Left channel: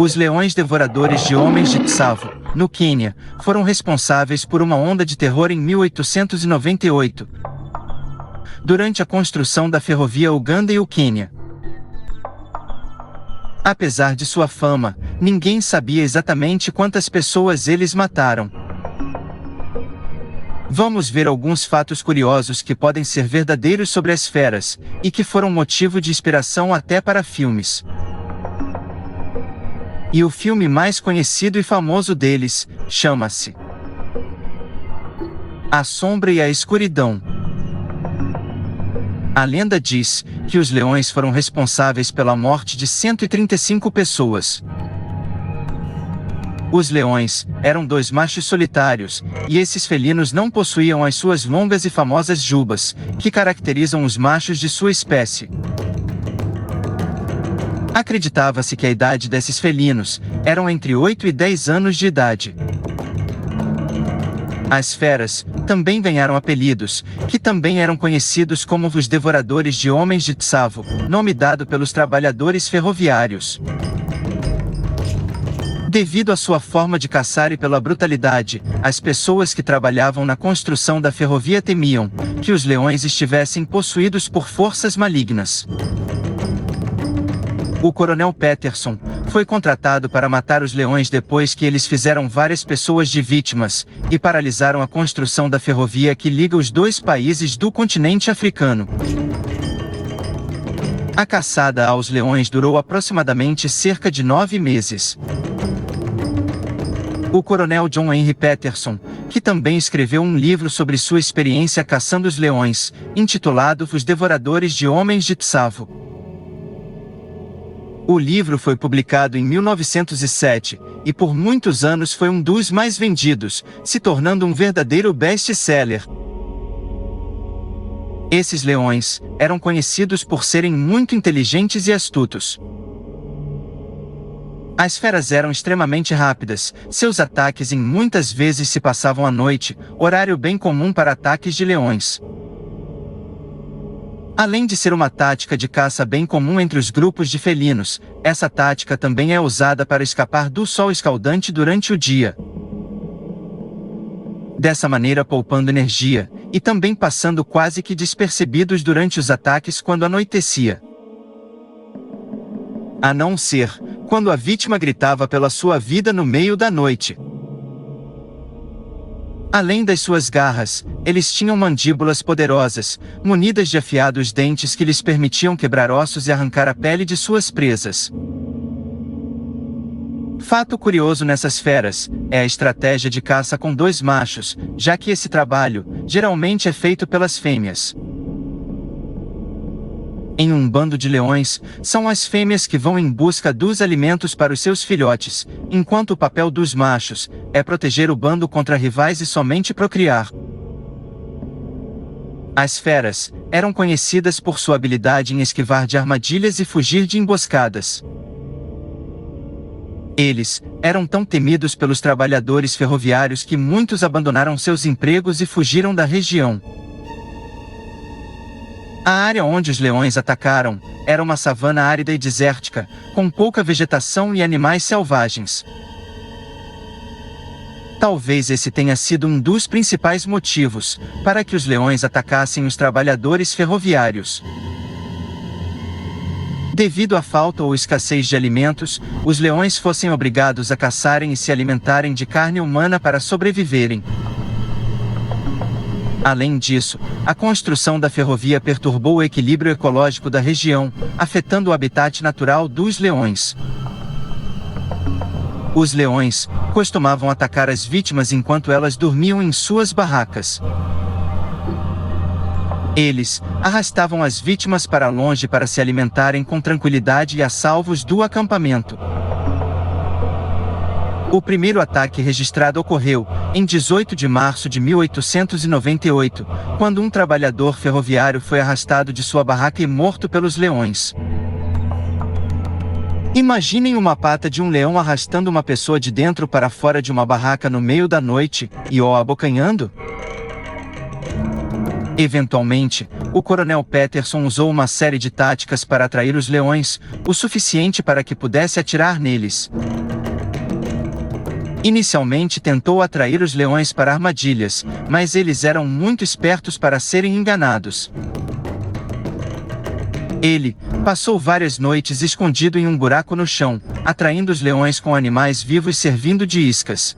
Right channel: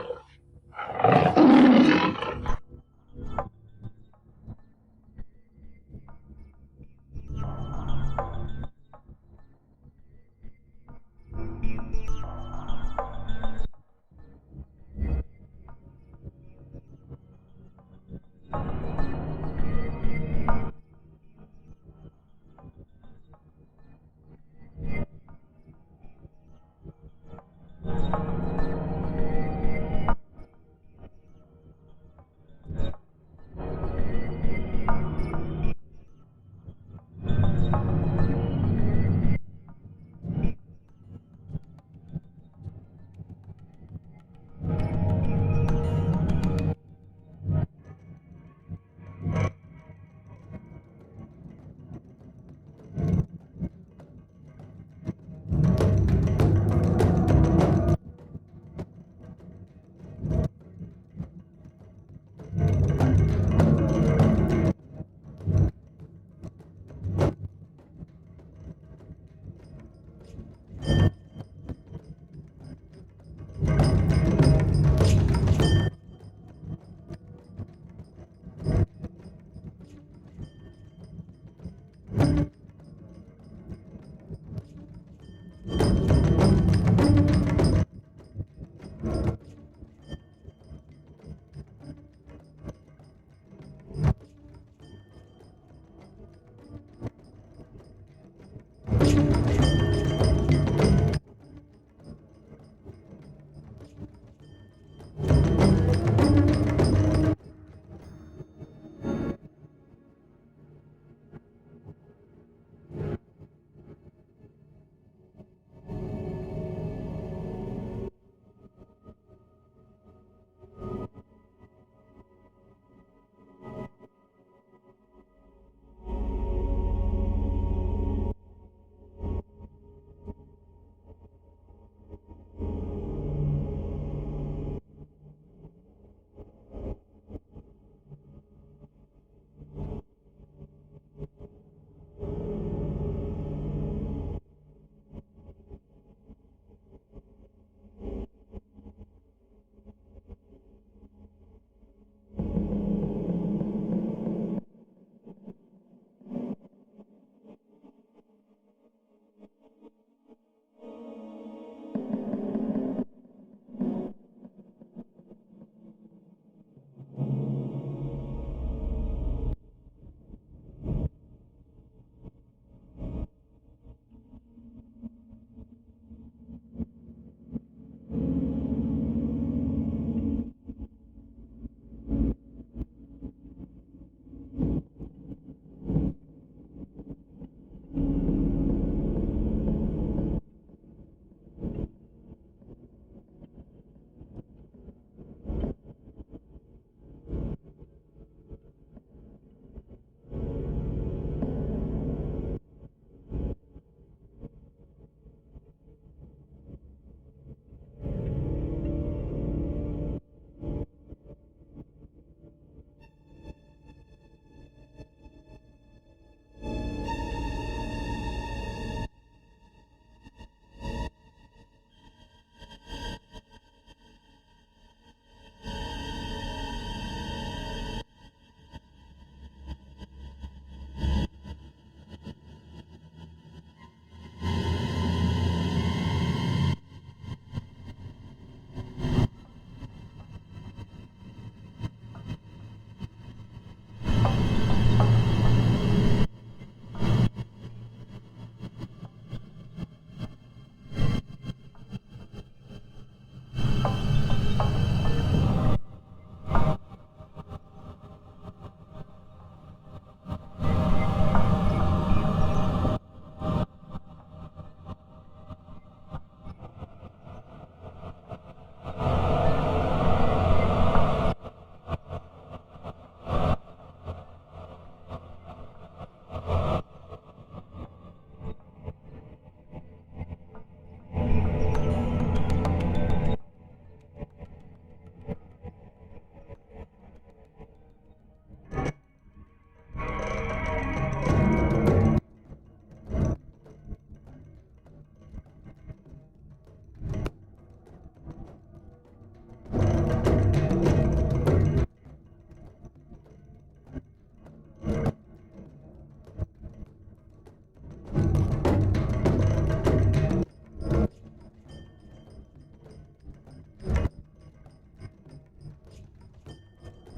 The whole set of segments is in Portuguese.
Os leões devoradores de homens de Tsavo, no Quênia, foram responsáveis por uma onda de terror em 1898, durante a construção da ferrovia Uganda e o Quênia. Apesar de sua fama, ninguém sabia exatamente quantas pessoas eles mataram. Vamos ver alguns fatos curiosos que podem ser verdadeiros sobre as feras, e que foram motivo de inspiração até para filmes. E o filme mais conhecido e famoso deles, chama-se A Sombra e a Escuridão. A lenda diz que os leões foram responsáveis pela morte de 135 pessoas. Os leões eram dois machos solitários, e esses felinos não possuíam as suas longas e famosas jubas, que caracterizam os machos de sua espécie. Acreditava-se que a idade desses felinos eram entre 8 e 10 anos de idade. As feras também ganharam apelidos, que também eram conhecidos como os devoradores de homens de Tsavo, nome dado pelos trabalhadores ferroviários. Devido à sua forma de caçar e pela brutalidade, as pessoas que trabalhavam na construção da ferrovia temiam que os leões estivessem possuídos por forças malignas. O coronel Peterson foi contratado para matar os leões depois que eles fizeram várias pessoas de vítimas e paralisaram a construção da ferrovia que liga os dois países do continente africano. A caçada aos leões durou aproximadamente cerca de 9 meses. O coronel John Henry Peterson, que também escreveu um livro sobre sua experiência caçando os leões, intitulado Os Devoradores de Homens de Tsavo. O livro foi publicado em 1907, e por muitos anos foi um dos mais vendidos, se tornando um verdadeiro best-seller. Esses leões eram conhecidos por serem muito inteligentes e astutos. As feras eram extremamente rápidas, seus ataques muitas vezes se passavam à noite, horário bem comum para ataques de leões. Além de ser uma tática de caça bem comum entre os grupos de felinos, essa tática também é usada para escapar do sol escaldante durante o dia. Dessa maneira poupando energia, e também passando quase que despercebidos durante os ataques quando anoitecia. A não ser quando a vítima gritava pela sua vida no meio da noite. Além das suas garras, eles tinham mandíbulas poderosas, munidas de afiados dentes que lhes permitiam quebrar ossos e arrancar a pele de suas presas. Fato curioso nessas feras é a estratégia de caça com dois machos, já que esse trabalho geralmente é feito pelas fêmeas. Em um bando de leões, são as fêmeas que vão em busca dos alimentos para os seus filhotes, enquanto o papel dos machos é proteger o bando contra rivais e somente procriar. As feras eram conhecidas por sua habilidade em esquivar de armadilhas e fugir de emboscadas. Eles eram tão temidos pelos trabalhadores ferroviários que muitos abandonaram seus empregos e fugiram da região. A área onde os leões atacaram era uma savana árida e desértica, com pouca vegetação e animais selvagens. Talvez esse tenha sido um dos principais motivos para que os leões atacassem os trabalhadores ferroviários. Devido à falta ou escassez de alimentos, os leões fossem obrigados a caçarem e se alimentarem de carne humana para sobreviverem. Além disso, a construção da ferrovia perturbou o equilíbrio ecológico da região, afetando o habitat natural dos leões. Os leões costumavam atacar as vítimas enquanto elas dormiam em suas barracas. Eles arrastavam as vítimas para longe para se alimentarem com tranquilidade e a salvos do acampamento. O primeiro ataque registrado ocorreu em 18 de março de 1898, quando um trabalhador ferroviário foi arrastado de sua barraca e morto pelos leões. Imaginem uma pata de um leão arrastando uma pessoa de dentro para fora de uma barraca no meio da noite, e o abocanhando? Eventualmente, o coronel Peterson usou uma série de táticas para atrair os leões, o suficiente para que pudesse atirar neles. Inicialmente tentou atrair os leões para armadilhas, mas eles eram muito espertos para serem enganados. Ele passou várias noites escondido em um buraco no chão, atraindo os leões com animais vivos servindo de iscas.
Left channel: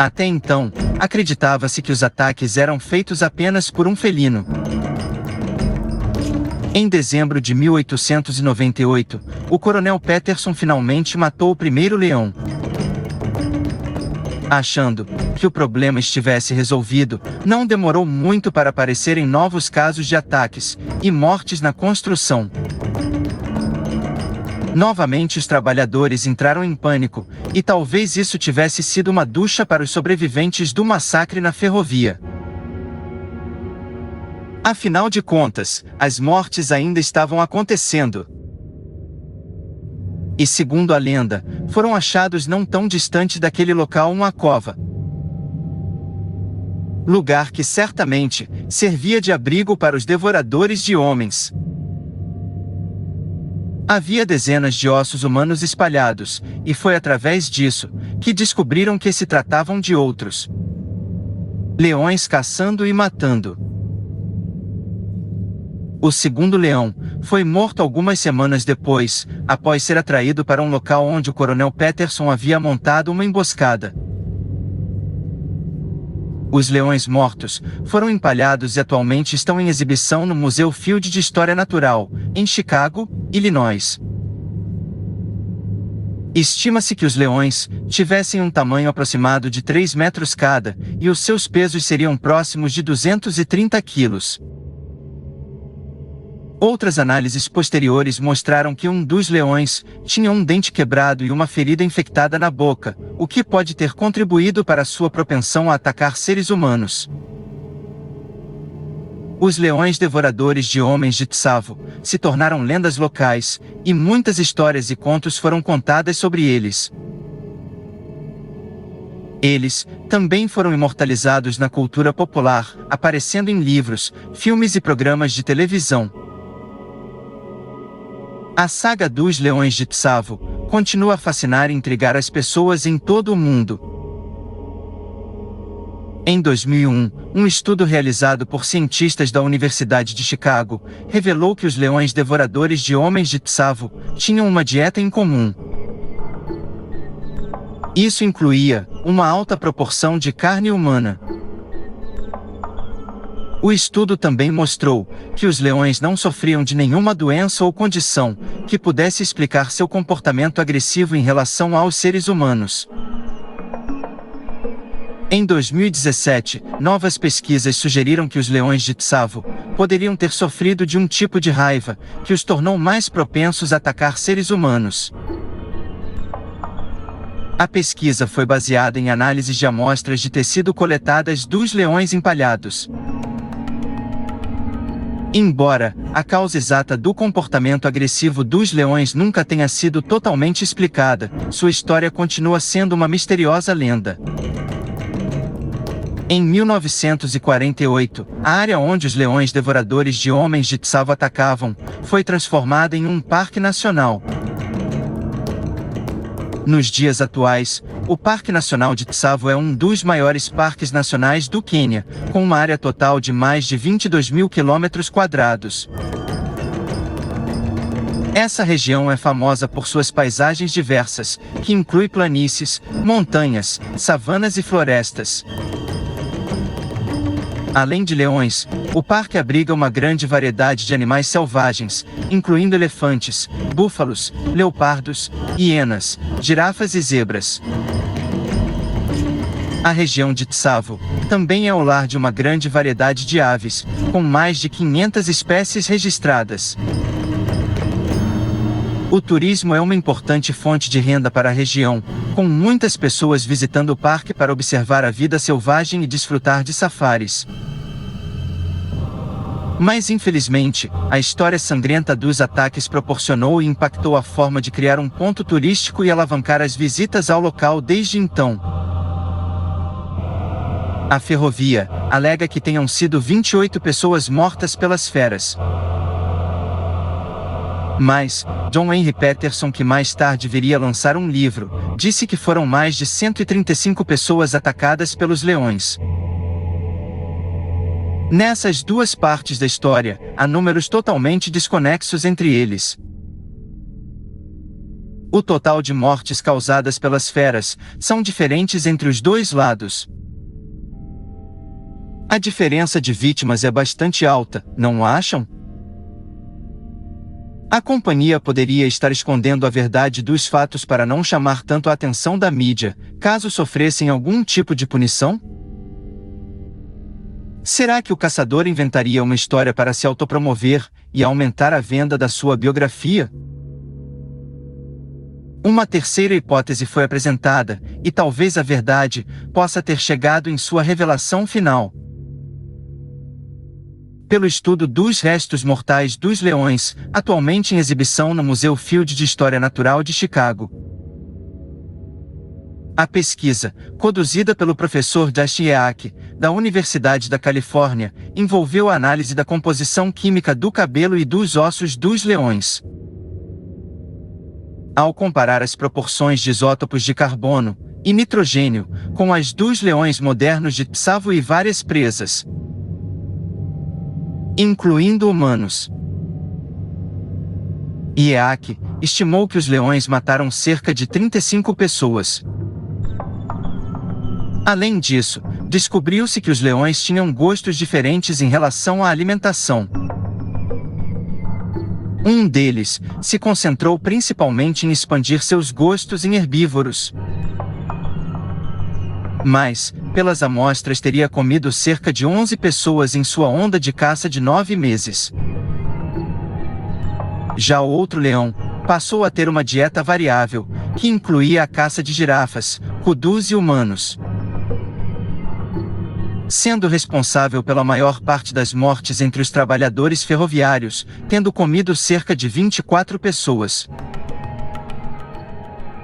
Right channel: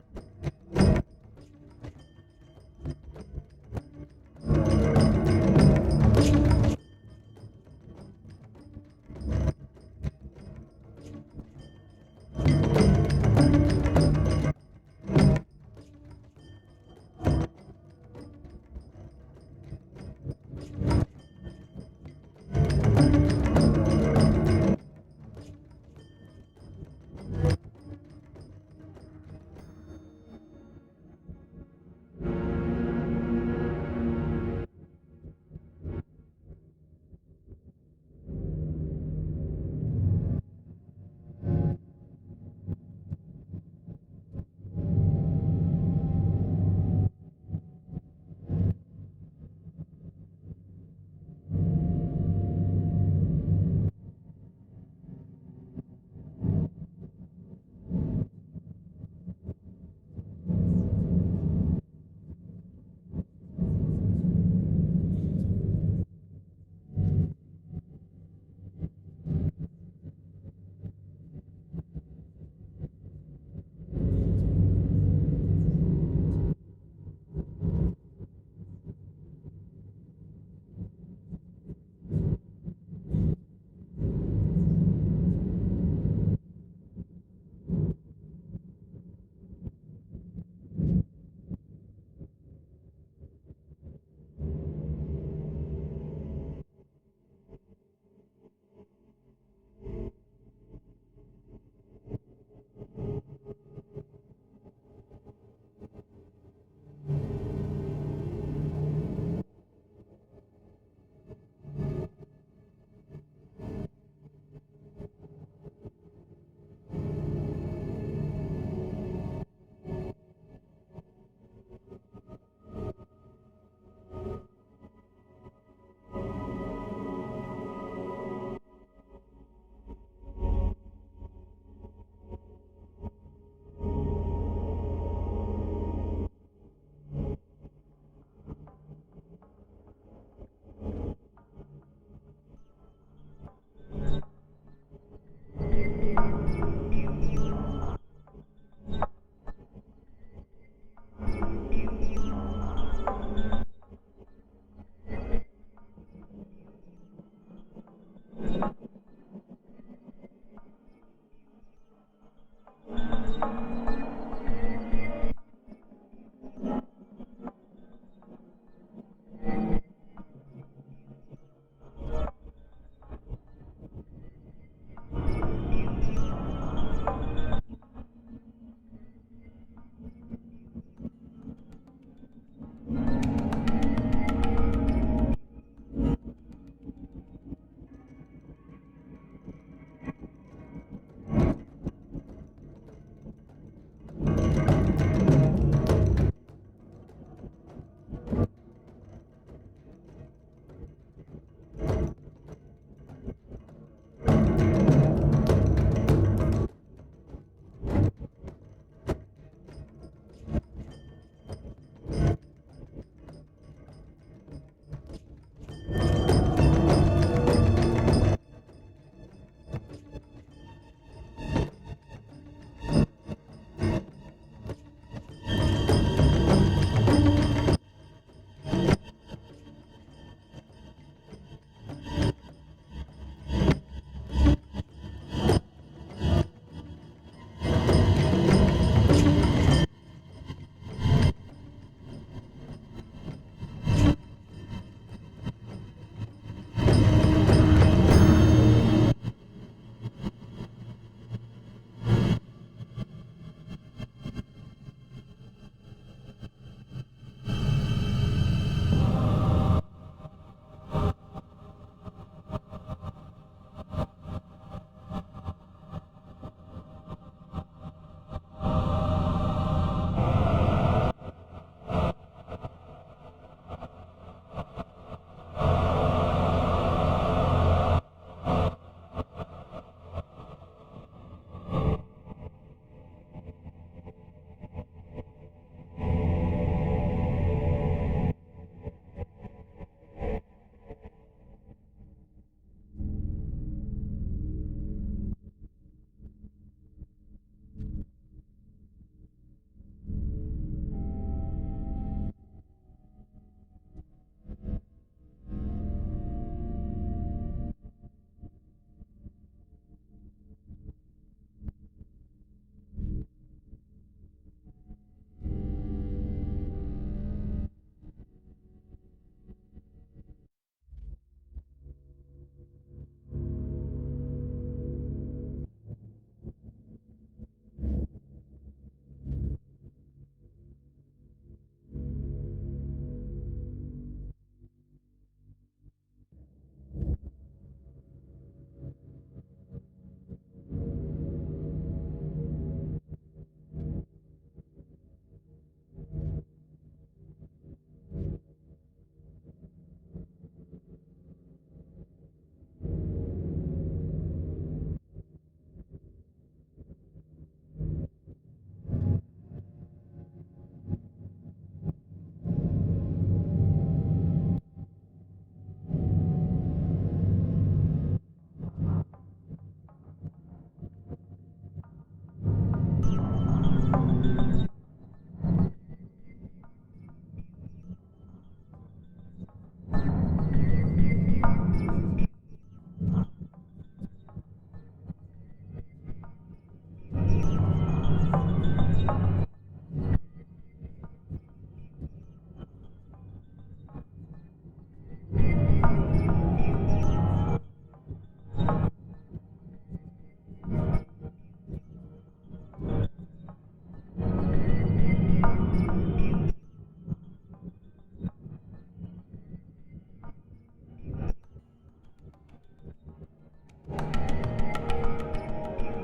Até então, acreditava-se que os ataques eram feitos apenas por um felino. Em dezembro de 1898, o coronel Peterson finalmente matou o primeiro leão. Achando que o problema estivesse resolvido, não demorou muito para aparecerem novos casos de ataques e mortes na construção. Novamente os trabalhadores entraram em pânico, e talvez isso tivesse sido uma ducha para os sobreviventes do massacre na ferrovia. Afinal de contas, as mortes ainda estavam acontecendo. E segundo a lenda, foram achados não tão distante daquele local uma cova. Lugar que certamente servia de abrigo para os devoradores de homens. Havia dezenas de ossos humanos espalhados, e foi através disso que descobriram que se tratavam de outros leões caçando e matando. O segundo leão foi morto algumas semanas depois, após ser atraído para um local onde o coronel Peterson havia montado uma emboscada. Os leões mortos foram empalhados e atualmente estão em exibição no Museu Field de História Natural, em Chicago, Illinois. Estima-se que os leões tivessem um tamanho aproximado de 3 metros cada, e os seus pesos seriam próximos de 230 quilos. Outras análises posteriores mostraram que um dos leões tinha um dente quebrado e uma ferida infectada na boca, o que pode ter contribuído para sua propensão a atacar seres humanos. Os leões devoradores de homens de Tsavo se tornaram lendas locais, e muitas histórias e contos foram contadas sobre eles. Eles também foram imortalizados na cultura popular, aparecendo em livros, filmes e programas de televisão. A saga dos Leões de Tsavo continua a fascinar e intrigar as pessoas em todo o mundo. Em 2001, um estudo realizado por cientistas da Universidade de Chicago revelou que os leões devoradores de homens de Tsavo tinham uma dieta em comum. Isso incluía uma alta proporção de carne humana. O estudo também mostrou que os leões não sofriam de nenhuma doença ou condição que pudesse explicar seu comportamento agressivo em relação aos seres humanos. Em 2017, novas pesquisas sugeriram que os leões de Tsavo poderiam ter sofrido de um tipo de raiva que os tornou mais propensos a atacar seres humanos. A pesquisa foi baseada em análises de amostras de tecido coletadas dos leões empalhados. Embora a causa exata do comportamento agressivo dos leões nunca tenha sido totalmente explicada, sua história continua sendo uma misteriosa lenda. Em 1948, a área onde os leões devoradores de homens de Tsavo atacavam foi transformada em um parque nacional. Nos dias atuais, o Parque Nacional de Tsavo é um dos maiores parques nacionais do Quênia, com uma área total de mais de 22 mil quilômetros-quadrados. Essa região é famosa por suas paisagens diversas, que inclui planícies, montanhas, savanas e florestas. Além de leões, o parque abriga uma grande variedade de animais selvagens, incluindo elefantes, búfalos, leopardos, hienas, girafas e zebras. A região de Tsavo também é o lar de uma grande variedade de aves, com mais de 500 espécies registradas. O turismo é uma importante fonte de renda para a região, com muitas pessoas visitando o parque para observar a vida selvagem e desfrutar de safaris. Mas infelizmente, a história sangrenta dos ataques proporcionou e impactou a forma de criar um ponto turístico e alavancar as visitas ao local desde então. A ferrovia alega que tenham sido 28 pessoas mortas pelas feras. Mas, John Henry Peterson, que mais tarde viria a lançar um livro, disse que foram mais de 135 pessoas atacadas pelos leões. Nessas duas partes da história, há números totalmente desconexos entre eles. O total de mortes causadas pelas feras são diferentes entre os dois lados. A diferença de vítimas é bastante alta, não acham? A companhia poderia estar escondendo a verdade dos fatos para não chamar tanto a atenção da mídia, caso sofressem algum tipo de punição? Será que o caçador inventaria uma história para se autopromover e aumentar a venda da sua biografia? Uma terceira hipótese foi apresentada, e talvez a verdade possa ter chegado em sua revelação final. Pelo estudo dos restos mortais dos leões, atualmente em exibição no Museu Field de História Natural de Chicago. A pesquisa, conduzida pelo professor Josh Eak, da Universidade da Califórnia, envolveu a análise da composição química do cabelo e dos ossos dos leões. Ao comparar as proporções de isótopos de carbono e nitrogênio com as dos leões modernos de Tsavo e várias presas, incluindo humanos, Eak estimou que os leões mataram cerca de 35 pessoas. Além disso, descobriu-se que os leões tinham gostos diferentes em relação à alimentação. Um deles se concentrou principalmente em expandir seus gostos em herbívoros. Mas, pelas amostras, teria comido cerca de 11 pessoas em sua onda de caça de 9 meses. Já o outro leão passou a ter uma dieta variável, que incluía a caça de girafas, kudus e humanos, sendo responsável pela maior parte das mortes entre os trabalhadores ferroviários, tendo comido cerca de 24 pessoas.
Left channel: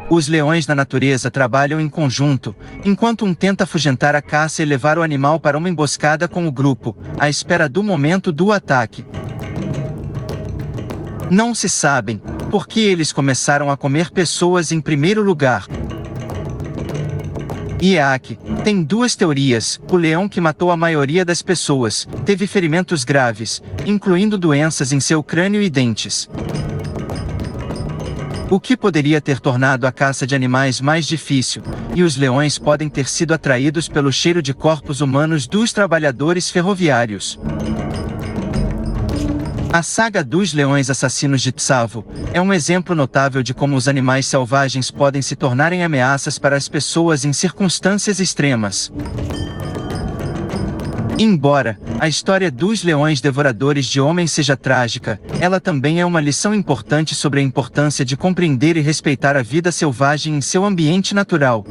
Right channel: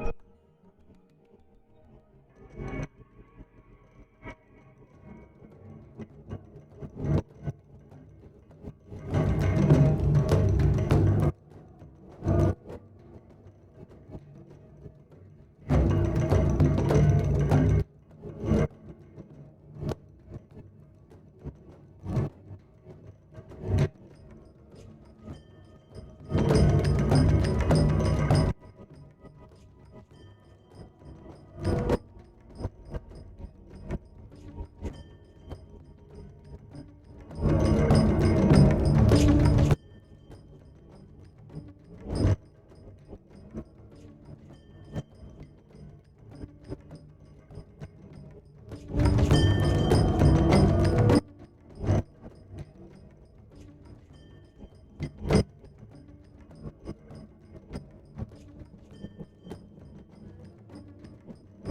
Os leões na natureza trabalham em conjunto, enquanto um tenta afugentar a caça e levar o animal para uma emboscada com o grupo, à espera do momento do ataque. Não se sabem por que eles começaram a comer pessoas em primeiro lugar. Eak tem duas teorias. O leão que matou a maioria das pessoas teve ferimentos graves, incluindo doenças em seu crânio e dentes, o que poderia ter tornado a caça de animais mais difícil, e os leões podem ter sido atraídos pelo cheiro de corpos humanos dos trabalhadores ferroviários. A saga dos leões assassinos de Tsavo é um exemplo notável de como os animais selvagens podem se tornarem ameaças para as pessoas em circunstâncias extremas. Embora a história dos leões devoradores de homens seja trágica, ela também é uma lição importante sobre a importância de compreender e respeitar a vida selvagem em seu ambiente natural.